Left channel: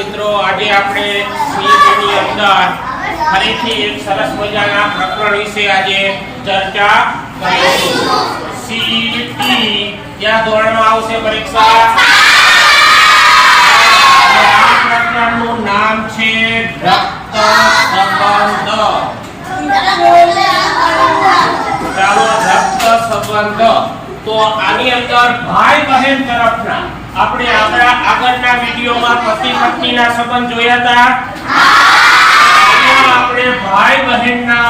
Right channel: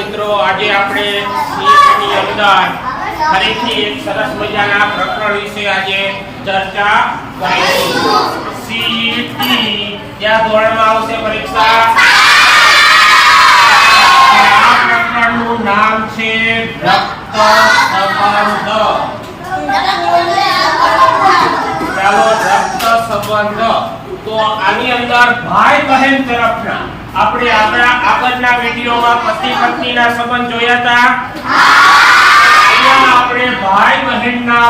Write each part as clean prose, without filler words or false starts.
મિત્રો, આજે આપણે સીઈટીની અંદર ફરીથી એક સરસ મજાના પ્રકરણ વિશે આજે ચર્ચા કરીશું. સીઈટી કયા ધોરણમાં આવશે પરીક્ષા? આ પ્રકરણનું નામ છે રક્ત સંબંધ. ચાલો, રક્ત સંબંધ. તો આની અંદર ભાઈ બહેન તરફના આપણે આગળના વિડિયોમાં પતિ પત્નીના સંબંધ જોયા હતા. અહીંયા આપણે ભાઈ બહેનના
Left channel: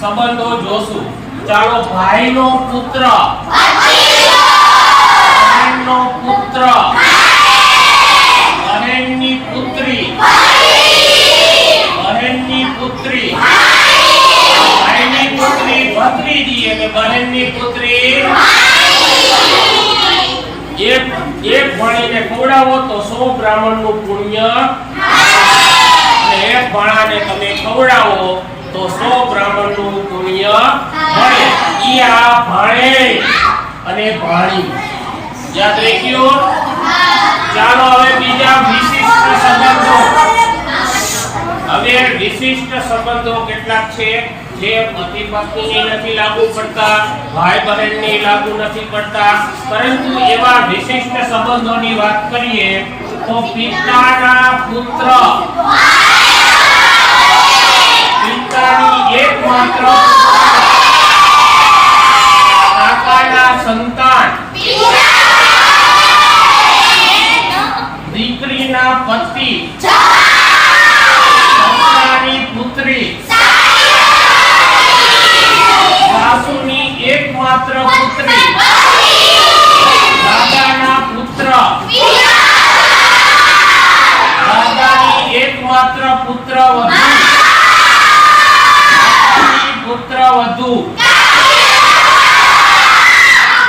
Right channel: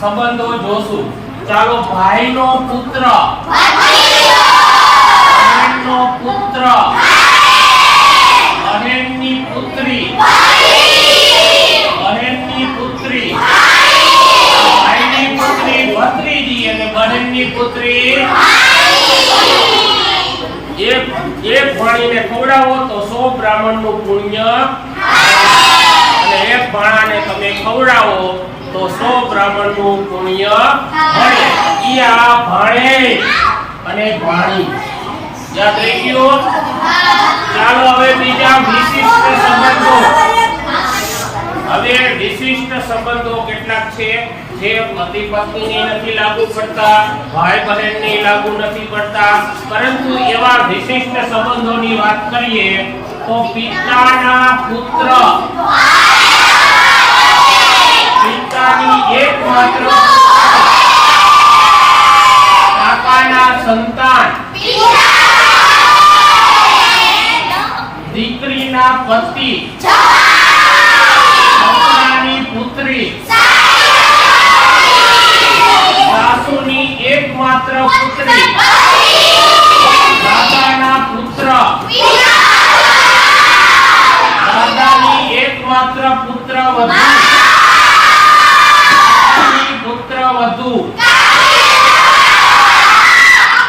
સંબંધો જોશું. ચાલો, ભાઈનો પુત્ર, બહેનનો પુત્ર, બહેનની પુત્રી, બહેનની પુત્રી, ભાઈની પુત્રી ભત્રીજી અને બહેનની પુત્રી એક ભણીને ખવડાવો તો 100 બ્રાહ્મણનું પુણ્ય, અને એક ભાણાને તમે ખવડાવો તો 100 બ્રાહ્મણનું પુણ્ય મળે. ઈ આ ભાણે અને ભાણી યાદ રાખ્યો. ચાલો, હવે બીજા વિશિષ્ટ સંબંધો. હવે વિશિષ્ટ સંબંધો કેટલાક છે જે પતિ પત્નીની નથી લાગુ પડતા, ભાઈ બહેનની લાગુ નથી પડતા, પરંતુ એવા વિશિષ્ટ સંબંધોની વાત કરીએ તો પિતાના પુત્ર, પિતાની એકમાત્ર કાકાના સંતાન, દીકરીના પતિ, સસરાની પુત્રી, સાસુની એકમાત્ર પુત્રી, દાદાના પુત્ર, દાદાની એકમાત્ર પુત્ર વધુ, પુત્ર વધુ,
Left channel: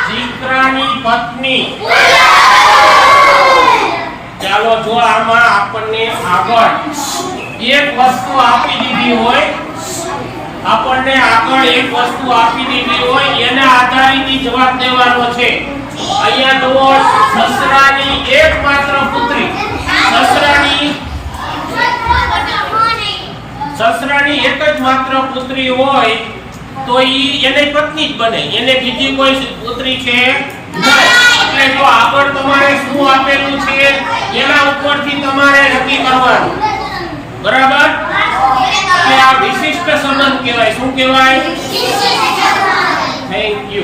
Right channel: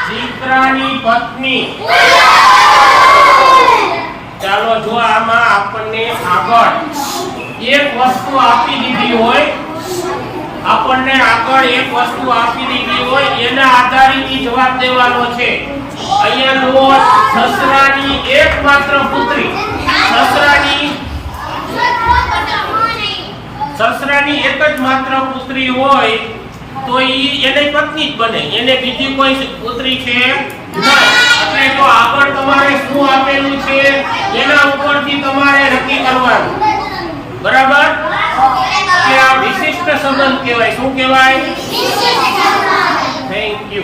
દીકરાની પત્ની. ચાલો, જો આમાં આપણને આગળ એક વસ્તુ આપી દીધી હોય, આપણને આગળ એક વસ્તુ આપી દીધી હોય, એના આધારિત જવાબ દેવાનો છે. અહીંયા જુઓ, સસરાની એકમાત્ર પુત્રી, સસરાની એક જ માત્ર પુત્રી હોય તો એને પત્ની જ બને, એને બીજી કોઈ પુત્રી છે નહીં. એટલે જો આગળ તમારે શું આપેલું છે એના ઉપરથી તમારે નક્કી કરવાનું, બરાબર? કે આ વિશિષ્ટ સંબંધ કહેવાય. શું કહેવાય? Thank you.